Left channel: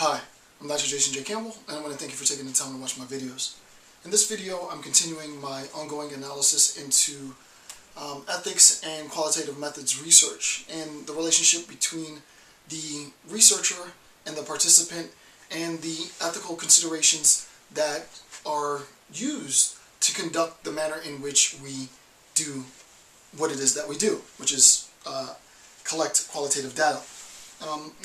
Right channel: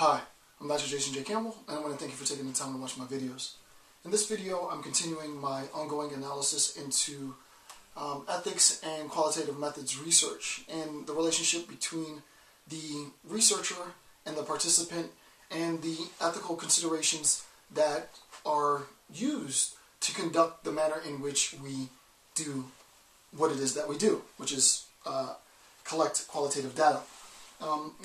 Hi, I'm Dr. Jason J. Campbell, and I want to thank you for taking the time to watch my videos. In this video, I'm continuing my ongoing analysis into ethics and qualitative methods research and the relationship between the researcher and the participant and the ethical considerations that are used to conduct the manner in which we do what it is that we do, which is collect qualitative data.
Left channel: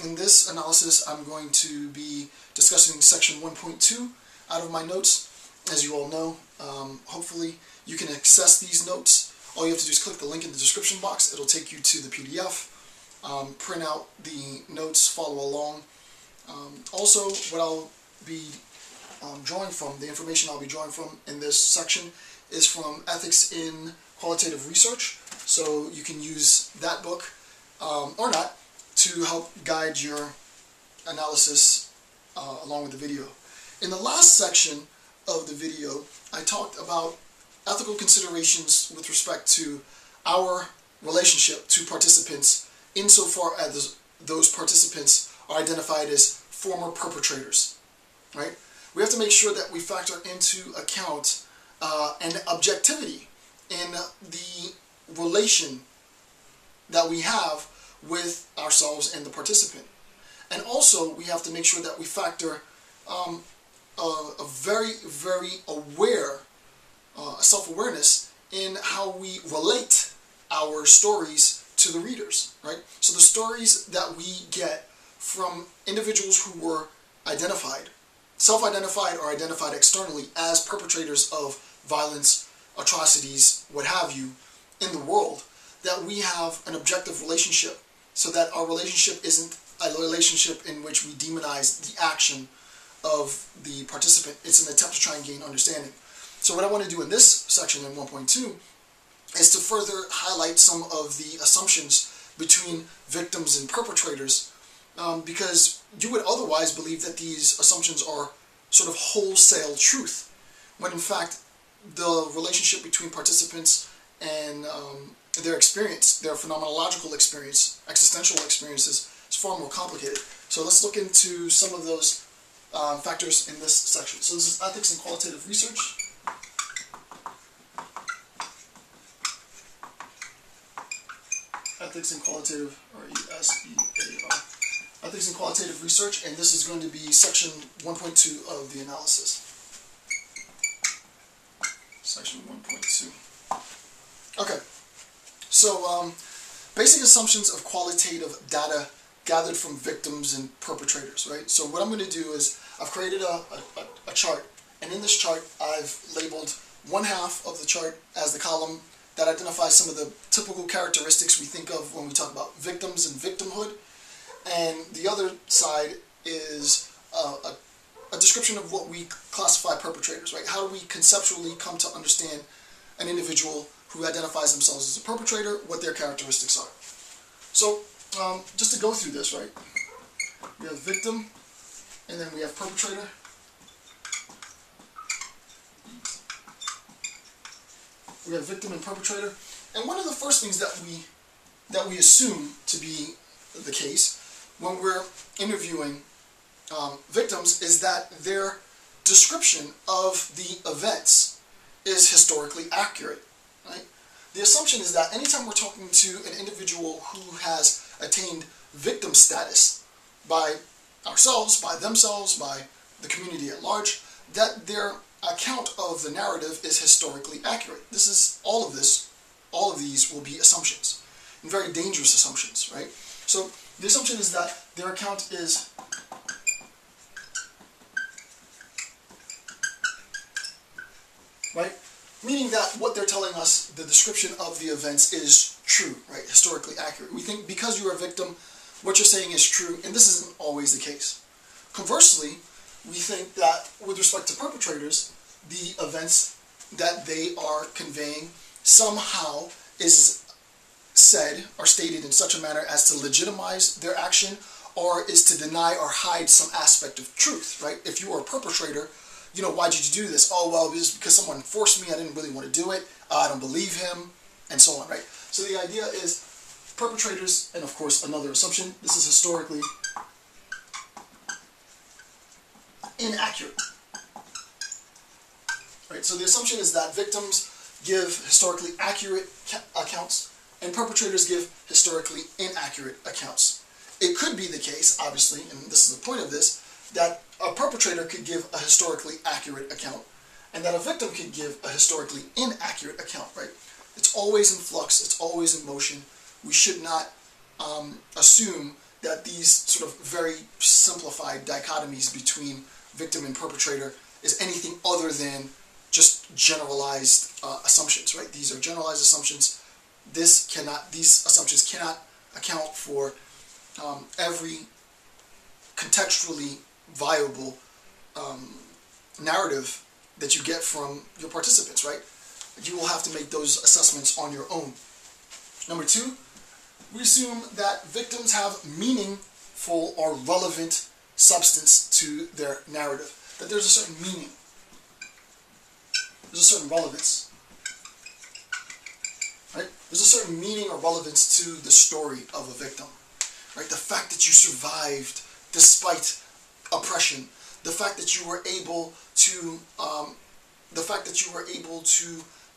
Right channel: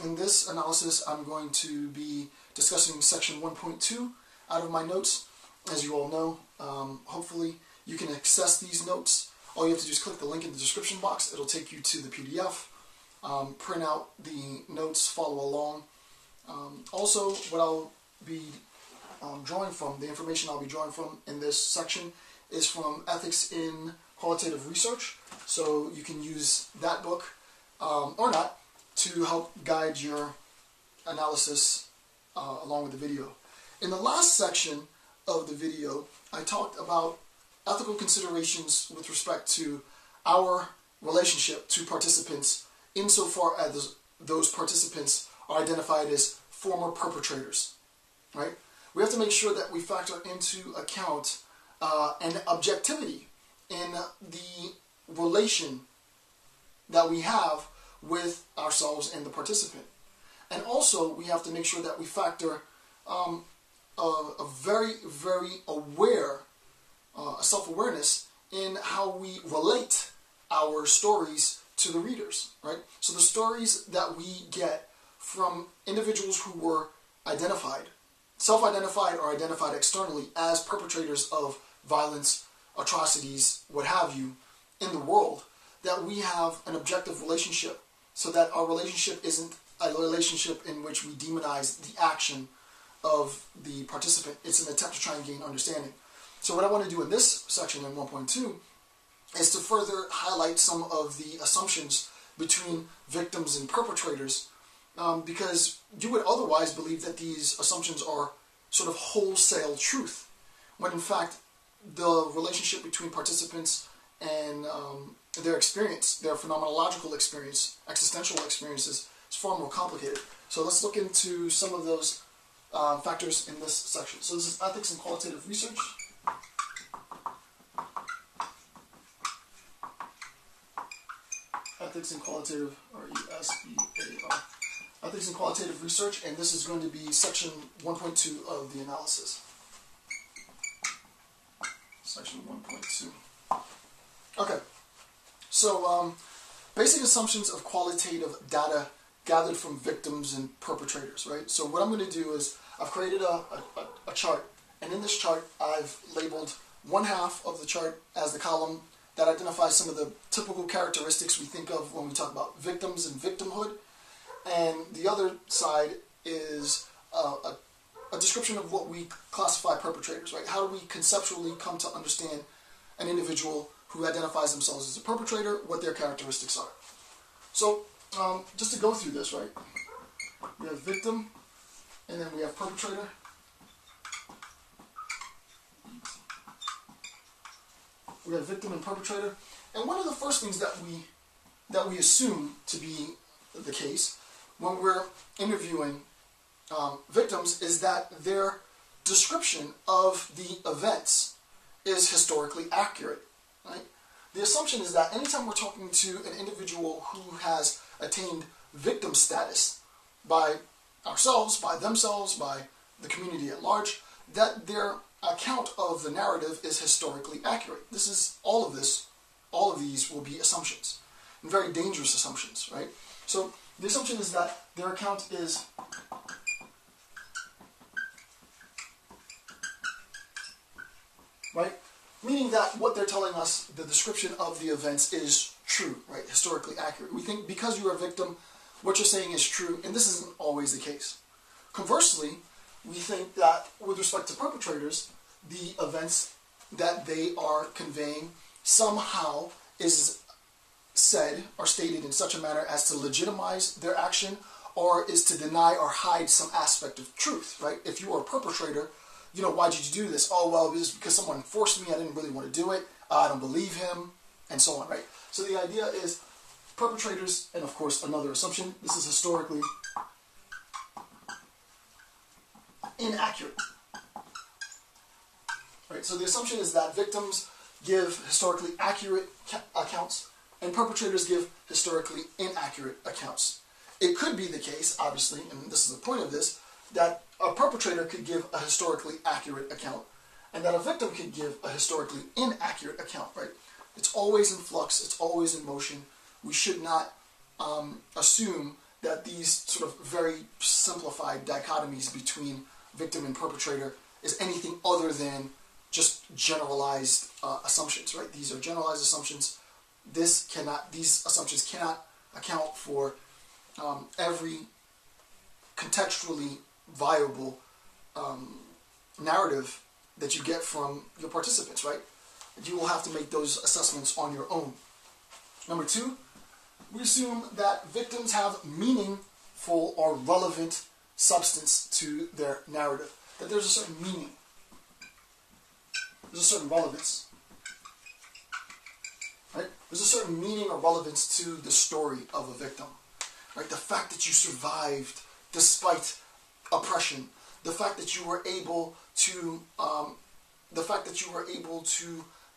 In this analysis, I'm going to be discussing section 1.2 out of my notes. As you all know, hopefully you can access these notes. All you have to do is click the link in the description box. It'll take you to the PDF. Print out the notes, follow along. Also, what I'll be drawing from, the information I'll be drawing from in this section is from Ethics in Qualitative Research. So you can use that book, or not, to help guide your analysis along with the video. In the last section of the video, I talked about ethical considerations with respect to our relationship to participants insofar as those participants are identified as former perpetrators, right? We have to make sure that we factor into account an objectivity in the relation that we have with ourselves and the participant. And also, we have to make sure that we factor a very, very aware, self-awareness in how we relate our stories to the readers, right? So the stories that we get from individuals who were identified, self-identified or identified externally as perpetrators of violence, atrocities, what have you, in the world, that we have an objective relationship, so that our relationship isn't a relationship in which we demonize the action of the participant. It's an attempt to try and gain understanding. So what I want to do in this section in 1.2 is to further highlight some of the assumptions between victims and perpetrators, because you would otherwise believe that these assumptions are sort of wholesale truth, when in fact the relationship between participants and their experience, their phenomenological experience, existential experiences, is far more complicated. So let's look into some of those factors in this section. So this is Ethics in Qualitative Research. Ethics in Qualitative, or E-S-E-A-R. Ethics in Qualitative Research, and this is going to be section 1.2 of the analysis. Section 1.2. Okay. So, basic assumptions of qualitative data gathered from victims and perpetrators, right? So what I'm going to do is I've created a chart, and in this chart I've labeled one half of the chart as the column that identifies some of the typical characteristics we think of when we talk about victims and victimhood, and the other side is a description of what we classify perpetrators, right? How do we conceptually come to understand an individual who identifies themselves as a perpetrator, what their characteristics are. So, just to go through this, right? We have victim, and then we have perpetrator. We have victim and perpetrator. And one of the first things that we assume to be the case when we're interviewing victims is that their description of the events is historically accurate. Right? The assumption is that anytime we're talking to an individual who has attained victim status by ourselves, by themselves, by the community at large, that their account of the narrative is historically accurate. This is all of these will be assumptions, and very dangerous assumptions, right? So the assumption is that their account is right? Meaning that what they're telling us, the description of the events, is true, right? Historically accurate. We think because you're a victim, what you're saying is true, and this isn't always the case. Conversely, we think that with respect to perpetrators, the events that they are conveying somehow is said or stated in such a manner as to legitimize their action, or is to deny or hide some aspect of truth, right? If you are a perpetrator, you know, why did you do this? Oh, well, it was because someone forced me. I didn't really want to do it. I don't believe him, and so on, right? So the idea is perpetrators, and of course another assumption, this is historically inaccurate. Right? So the assumption is that victims give historically accurate accounts and perpetrators give historically inaccurate accounts. It could be the case, obviously, and this is the point of this, that a perpetrator could give a historically accurate account and that a victim could give a historically inaccurate account, right? It's always in flux, it's always in motion. We should not assume that these sort of very simplified dichotomies between victim and perpetrator is anything other than just generalized assumptions, right? These are generalized assumptions. These assumptions cannot account for every contextually viable narrative that you get from your participants, right? You will have to make those assessments on your own. Number two, we assume that victims have meaningful or relevant substance to their narrative, that there's a certain meaning, there's a certain relevance, right? There's a certain meaning or relevance to the story of a victim, right? The fact that you survived despite oppression, the fact that you were able to,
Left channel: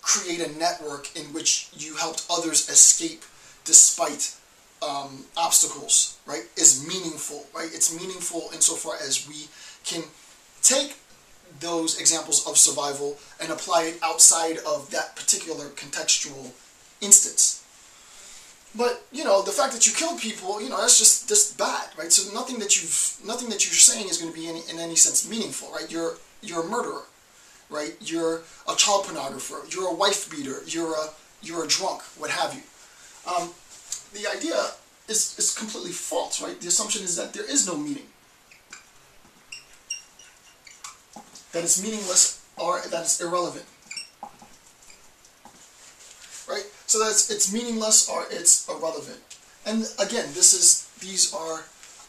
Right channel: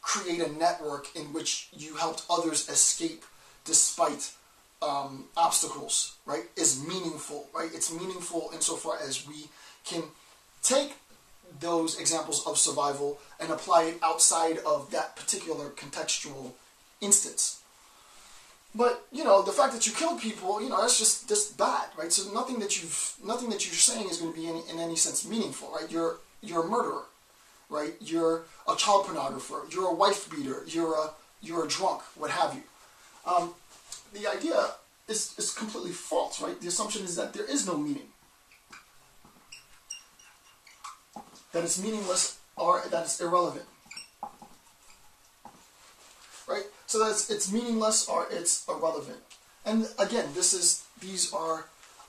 create a network in which you helped others escape despite obstacles, right, is meaningful, right? It's meaningful insofar as we can take those examples of survival and apply it outside of that particular contextual instance. But, you know, the fact that you killed people, you know, that's just bad, right? So nothing that you're saying is going to be in any sense meaningful, right? You're a murderer, right? You're a child pornographer, you're a wife beater, you're a drunk, what have you. The idea is completely false, right? The assumption is that there is no meaning, that it's meaningless or that it's irrelevant, right? So that it's meaningless or it's irrelevant. And again, these are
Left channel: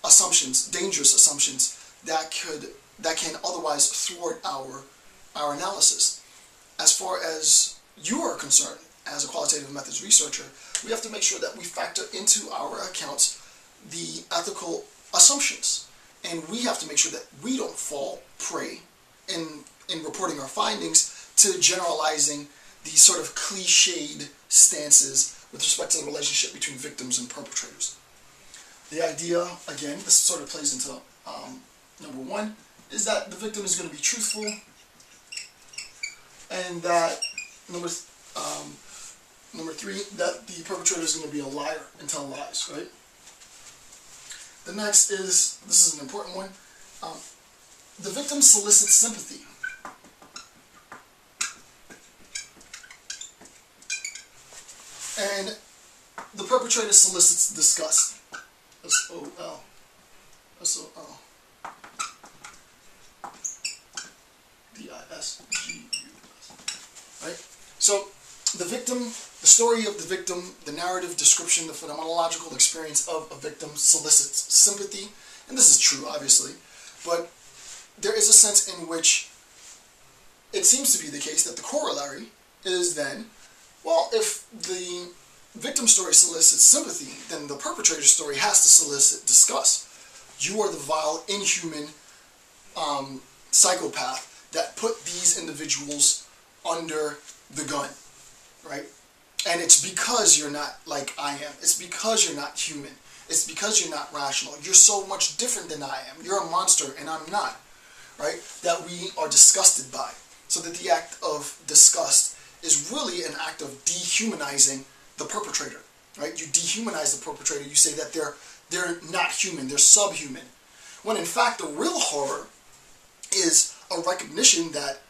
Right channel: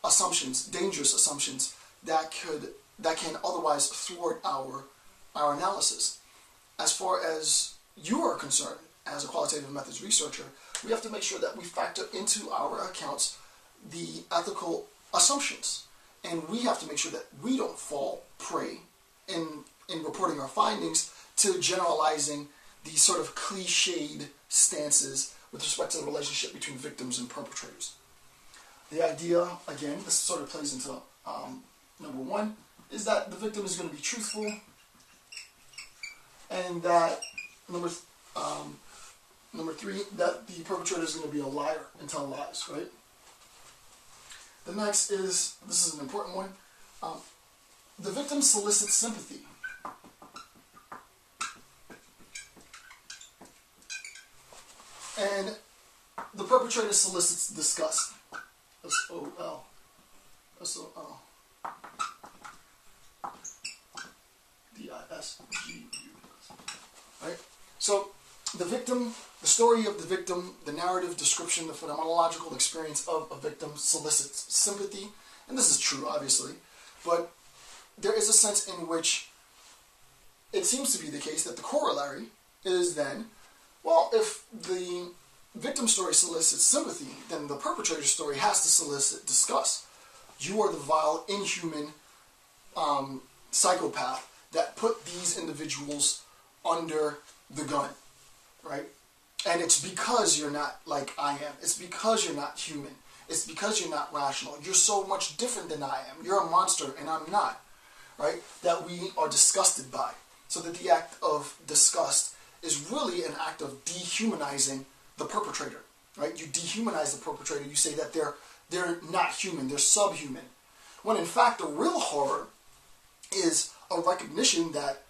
assumptions, dangerous assumptions that can otherwise thwart our analysis. As far as you are concerned, as a qualitative methods researcher, we have to make sure that we factor into our accounts the ethical assumptions. And we have to make sure that we don't fall prey in reporting our findings to generalizing these sort of cliched stances with respect to the relationship between victims and perpetrators. The idea, again, this sort of plays into number one, is that the victim is going to be truthful, and that number three, that the perpetrator is going to be a liar and tell lies, right? The next is, this is an important one, the victim solicits sympathy. And the perpetrator solicits disgust. S-O-L. S-O-L. D-I-S-G-U-S. Right? So, the victim, the story of the victim, the narrative description, the phenomenological experience of a victim solicits sympathy. And this is true, obviously. But there is a sense in which it seems to be the case that the corollary is then, well, if the victim story solicits sympathy, then the perpetrator story has to solicit disgust. You are the vile, inhuman psychopath that put these individuals under the gun, right? And it's because you're not like I am. It's because you're not human. It's because you're not rational. You're so much different than I am. You're a monster and I'm not, right? That we are disgusted by. So that the act of disgust is really an act of dehumanizing the perpetrator, right? You dehumanize the perpetrator. You say that they're not human, they're subhuman. When in fact the real horror is a recognition that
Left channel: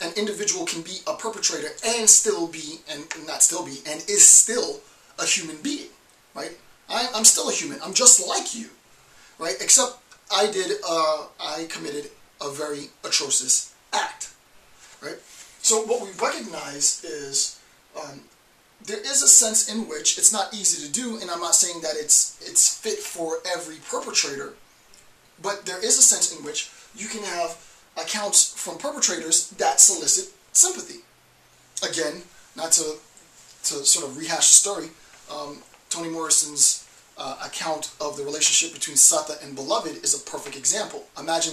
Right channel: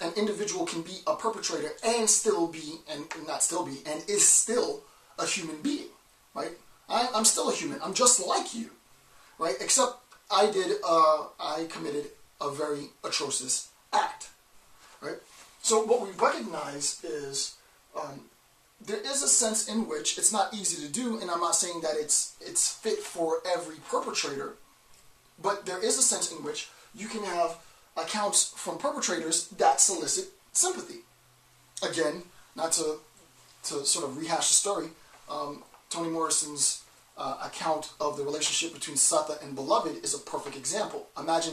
an individual can be a perpetrator and still be, and not still be, and is still a human being, right? I'm still a human. I'm just like you, right? Except I committed a very atrocious act, right? So what we recognize is there is a sense in which it's not easy to do, and I'm not saying that it's fit for every perpetrator, but there is a sense in which you can have accounts from perpetrators that solicit sympathy. Again, not to sort of rehash the story, Toni Morrison's account of the relationship between Sata and Beloved is a perfect example. Imagine that